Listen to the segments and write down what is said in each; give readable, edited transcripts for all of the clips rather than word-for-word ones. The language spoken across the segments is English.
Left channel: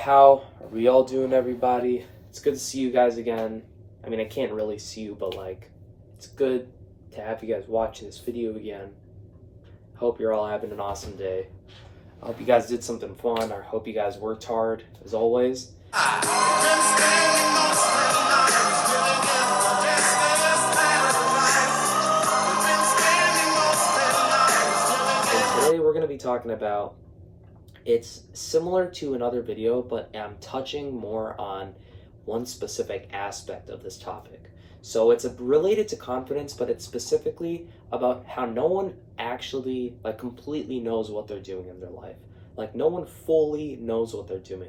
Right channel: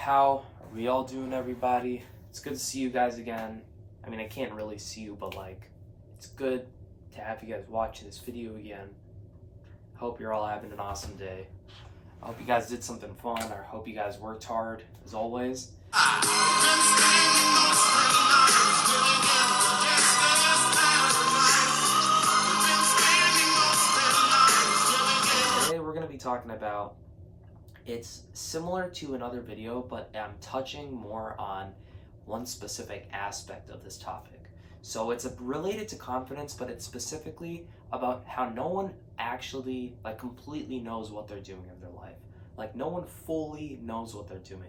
How are we all doing, everybody? It's good to see you guys again. I mean, I can't really see you, but it's good to have you guys watch this video again. Hope you're all having an awesome day. I hope you guys did something fun. I hope you guys worked hard, as always. And today we're going to be talking about, it's similar to another video, but I'm touching more on one specific aspect of this topic. So it's related to confidence, but it's specifically about how no one actually completely knows what they're doing in their life. No one fully knows what they're doing.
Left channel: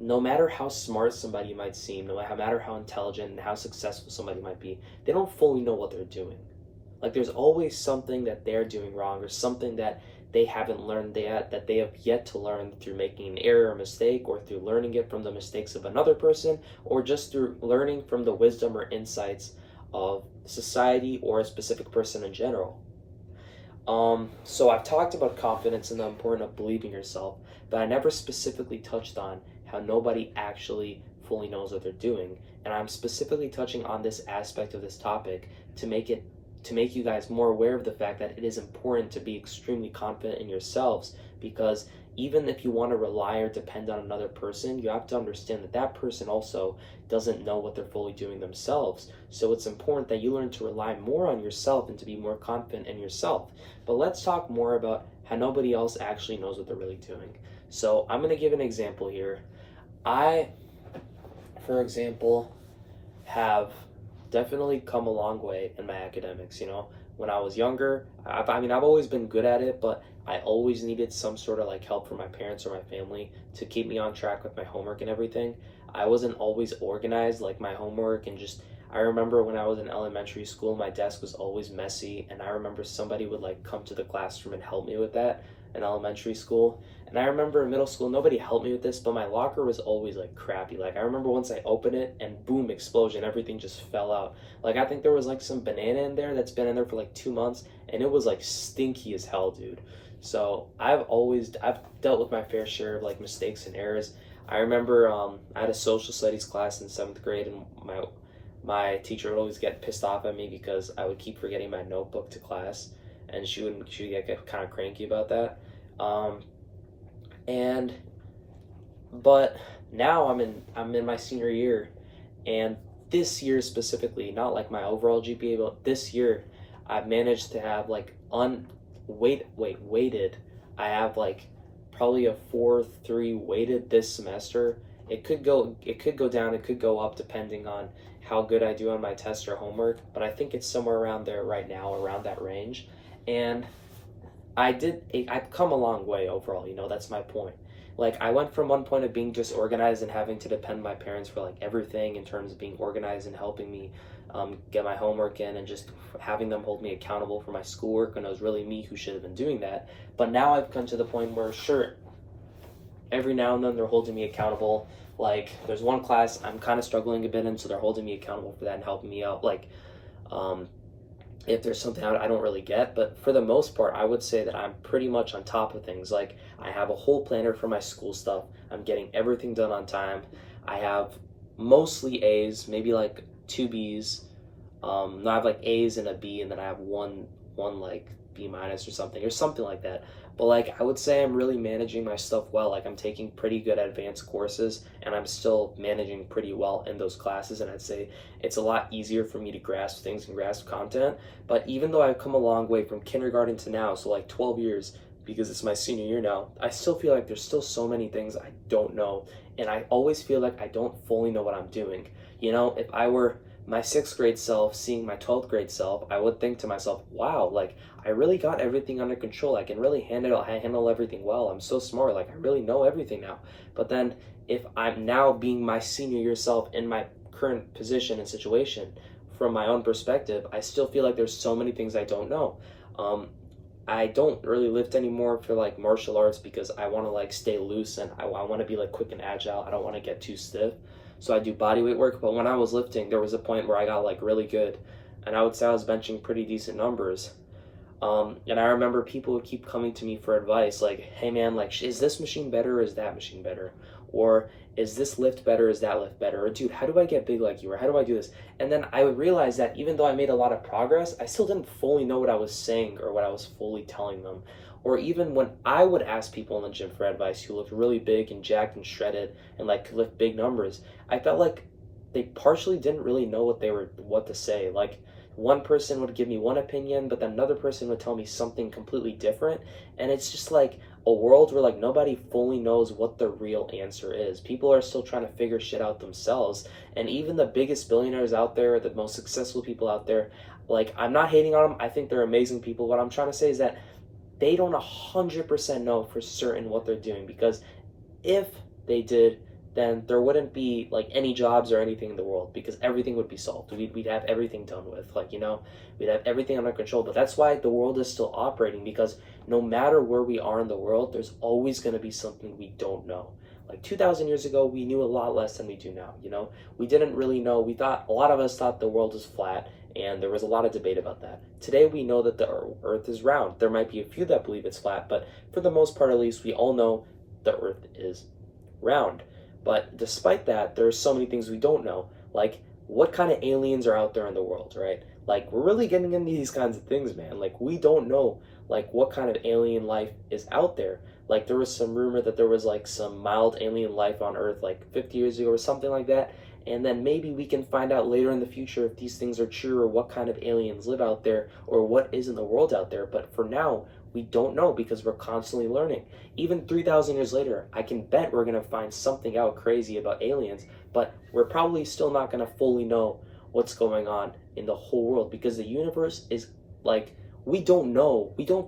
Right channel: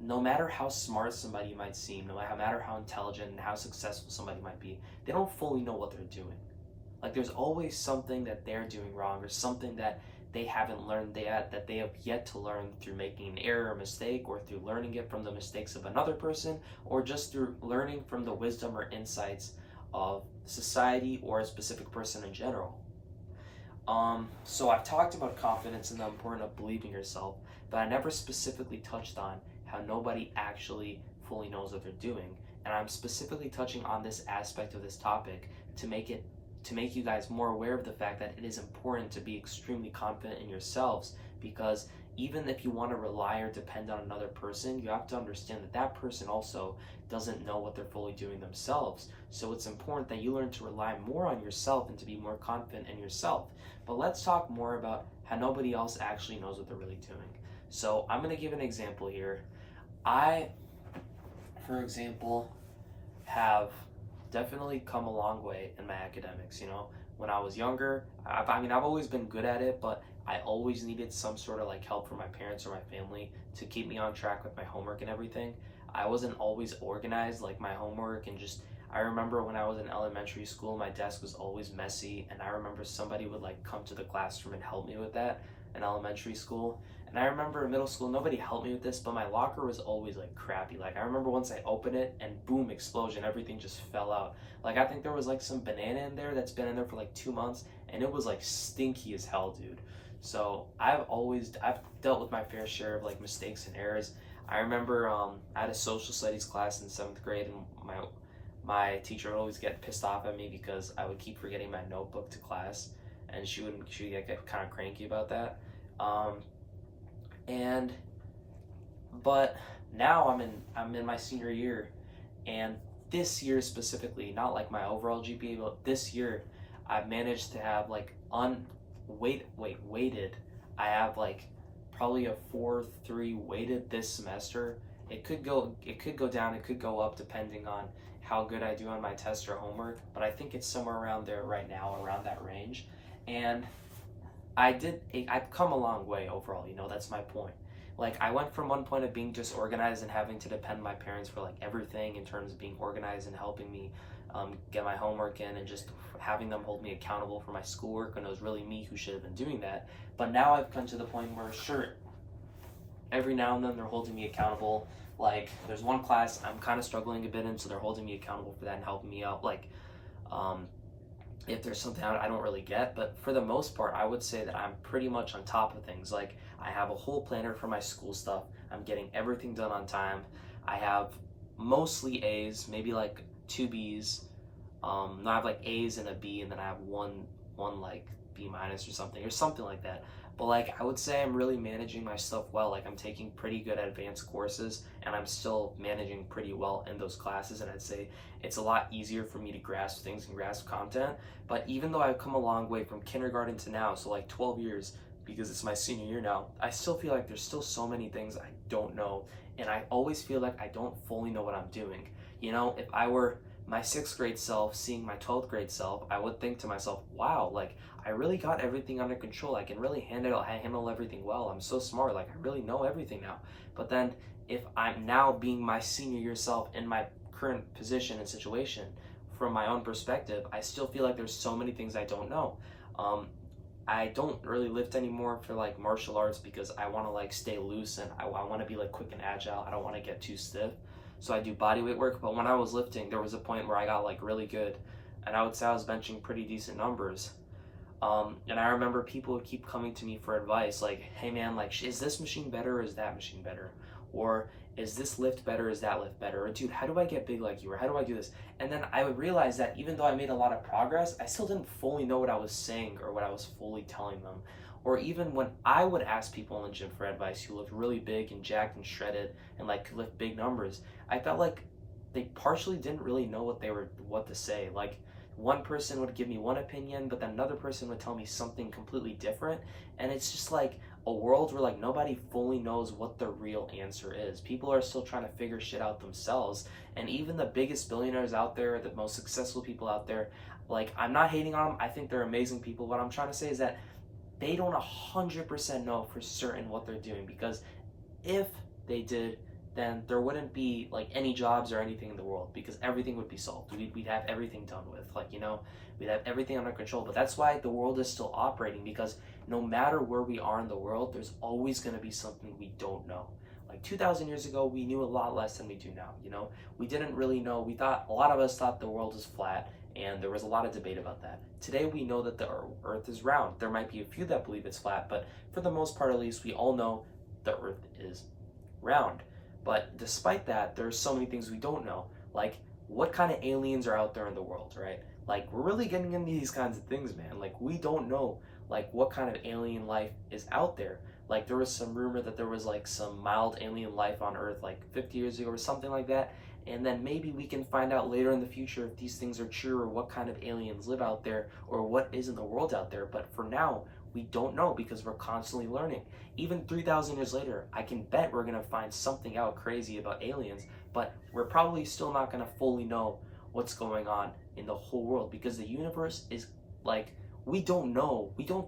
No matter how smart somebody might seem, no matter how intelligent and how successful somebody might be, they don't fully know what they're doing. There's always something that they're doing wrong, or something that they haven't learned yet, that they have yet to learn through making an error or mistake, or through learning it from the mistakes of another person, or just through learning from the wisdom or insights of society or a specific person in general. So I've talked about confidence and the importance of believing yourself, but I never specifically touched on how nobody actually fully knows what they're doing. And I'm specifically touching on this aspect of this topic to make you guys more aware of the fact that it is important to be extremely confident in yourselves, because even if you want to rely or depend on another person, you have to understand that that person also doesn't know what they're fully doing themselves. So it's important that you learn to rely more on yourself and to be more confident in yourself. But let's talk more about how nobody else actually knows what they're really doing. So I'm going to give an example here. I, for example, have definitely come a long way in my academics. When I was younger, I've always been good at it, but I always needed some sort of help from my parents or my family to keep me on track with my homework and everything. I wasn't always organized, my homework, and I remember when I was in elementary school, my desk was always messy, and I remember somebody would come to the classroom and help me with that in elementary school. And I remember in middle school, nobody helped me with this, but my locker was always crappy. I remember once I opened it and boom, explosion, everything just fell out. I think there was some banana in there that's been in there for 2 months, and it was stinky as hell, dude. So I've dealt with my fair share of mistakes and errors. I remember I had a social studies class in 7th grade, and my teacher would always get pissed off at me because I would keep forgetting my notebook to class, and she would get kind of cranky about that. But now I'm in my senior year, and this year specifically, not my overall GPA, but this year I've managed to have weighted. I have probably a 4.3 weighted this semester. It could go down, it could go up depending on how good I do on my test or homework, but I think it's somewhere around there right now, around that range. And I've come a long way overall, that's my point. I went from one point of being disorganized and having to depend on my parents for everything in terms of being organized and helping me get my homework in, and just having them hold me accountable for my schoolwork when it was really me who should have been doing that. But now I've come to the point where, sure, every now and then they're holding me accountable. There's one class I'm kind of struggling a bit in, so they're holding me accountable for that and helping me out. If there's something I don't really get, but for the most part, I would say that I'm pretty much on top of things. I have a whole planner for my school stuff. I'm getting everything done on time. I have mostly A's, maybe 2 B's. No, I have A's and a B, and then I have one B minus or something like that. But I would say I'm really managing my stuff well. I'm taking pretty good advanced courses, and I'm still managing pretty well in those classes, and I'd say it's a lot easier for me to grasp things and grasp content. But even though I've come a long way from kindergarten to now, so 12 years, because it's my senior year now, I still feel there's still so many things I don't know, and I always feel I don't fully know what I'm doing. If I were my 6th grade self seeing my 12th grade self, I would think to myself, wow, I really got everything under control. I can really handle everything well. I'm so smart. I really know everything now. But then if I'm now being my senior year self in my current position and situation, from my own perspective, I still feel there's so many things I don't know. I don't really lift anymore for martial arts because I want to stay loose, and I want to be quick and agile. I don't want to get too stiff. So I do body weight work, but when I was lifting, there was a point where I got really good, and I would say I was benching pretty decent numbers. And I remember people would keep coming to me for advice, like, hey man, like, is this machine better or is that machine better? Or is this lift better, is that lift better? Or dude, how do I get big like you? Or how do I do this? And then I would realize that even though I made a lot of progress, I still didn't fully know what I was saying or what I was fully telling them. Or even when I would ask people in the gym for advice who looked really big and jacked and shredded and like could lift big numbers, I felt like they partially didn't really know what to say. Like one person would give me one opinion, but then another person would tell me something completely different. And it's just like a world where like nobody fully knows what the real answer is. People are still trying to figure shit out themselves. And even the biggest billionaires out there, the most successful people out there, like I'm not hating on them. I think they're amazing people. What I'm trying to say is that they don't 100% know for certain what they're doing, because if they did, then there wouldn't be like any jobs or anything in the world, because everything would be solved. We'd have everything done with, like, you know, we'd have everything under control. But that's why the world is still operating, because no matter where we are in the world, there's always going to be something we don't know. Like 2,000 years ago, we knew a lot less than we do now, you know? We didn't really know. A lot of us thought the world was flat, and there was a lot of debate about that. Today, we know that the earth is round. There might be a few that believe it's flat, but for the most part, at least, we all know the earth is round. But despite that, there are so many things we don't know, like what kind of aliens are out there in the world, right? Like we're really getting into these kinds of things, man. Like we don't know like what kind of alien life is out there. Like there was some rumor that there was like some mild alien life on Earth like 50 years ago or something like that. And then maybe we can find out later in the future if these things are true or what kind of aliens live out there or what is in the world out there. But for now, we don't know because we're constantly learning. Even 3,000 years later, I can bet we're going to find something out crazy about aliens, but we're probably still not going to fully know what's going on in the whole world, because the universe is like, we don't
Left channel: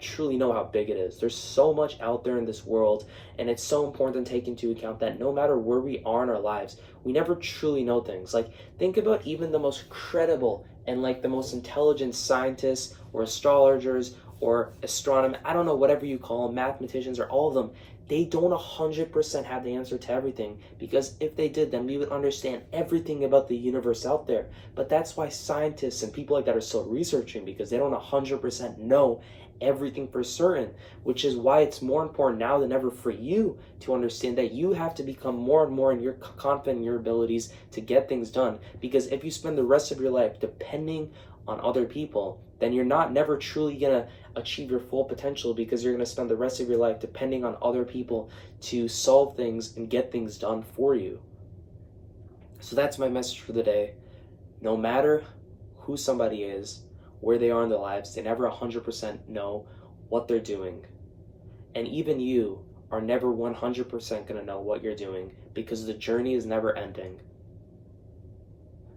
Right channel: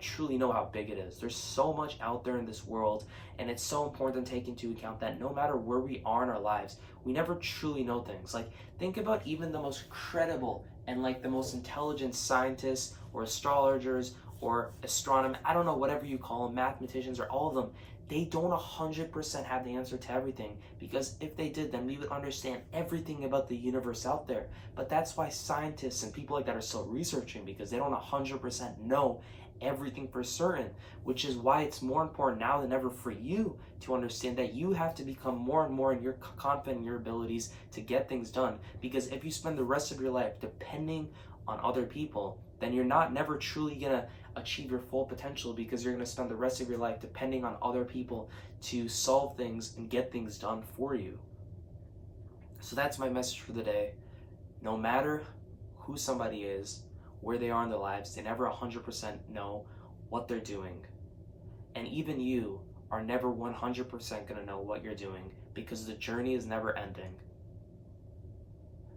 truly know how big it is. There's so much out there in this world, and it's so important to take into account that no matter where we are in our lives, we never truly know things. Like think about even the most credible and like the most intelligent scientists or astrologers or astronomers, I don't know, whatever you call them, mathematicians, or all of them, they don't 100% have the answer to everything, because if they did, then we would understand everything about the universe out there. But that's why scientists and people like that are still researching, because they don't 100% know everything for certain, which is why it's more important now than ever for you to understand that you have to become more and more confident in your abilities to get things done. Because if you spend the rest of your life depending on other people, then you're never truly gonna achieve your full potential, because you're gonna spend the rest of your life depending on other people to solve things and get things done for you. So that's my message for the day. No matter who somebody is, where they are in their lives, they never 100% know what they're doing. And even you are never 100% gonna know what you're doing, because the journey is never ending.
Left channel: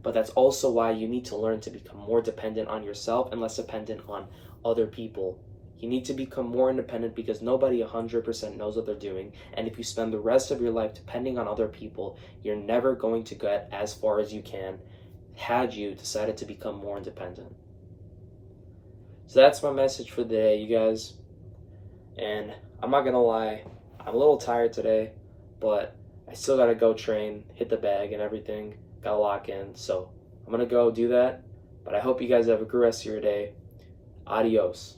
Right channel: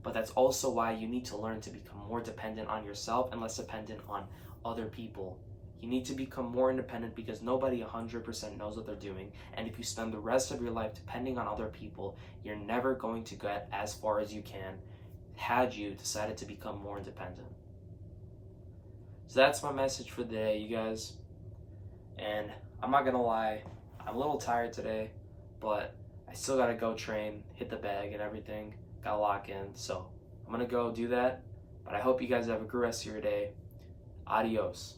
But that's also why you need to learn to become more dependent on yourself and less dependent on other people. You need to become more independent, because nobody 100% knows what they're doing. And if you spend the rest of your life depending on other people, you're never going to get as far as you can had you decided to become more independent. So that's my message for the day, you guys. And I'm not gonna lie, I'm a little tired today, but I still gotta go train, hit the bag and everything. Gotta lock in, so I'm gonna go do that. But I hope you guys have a good rest of your day. Adios.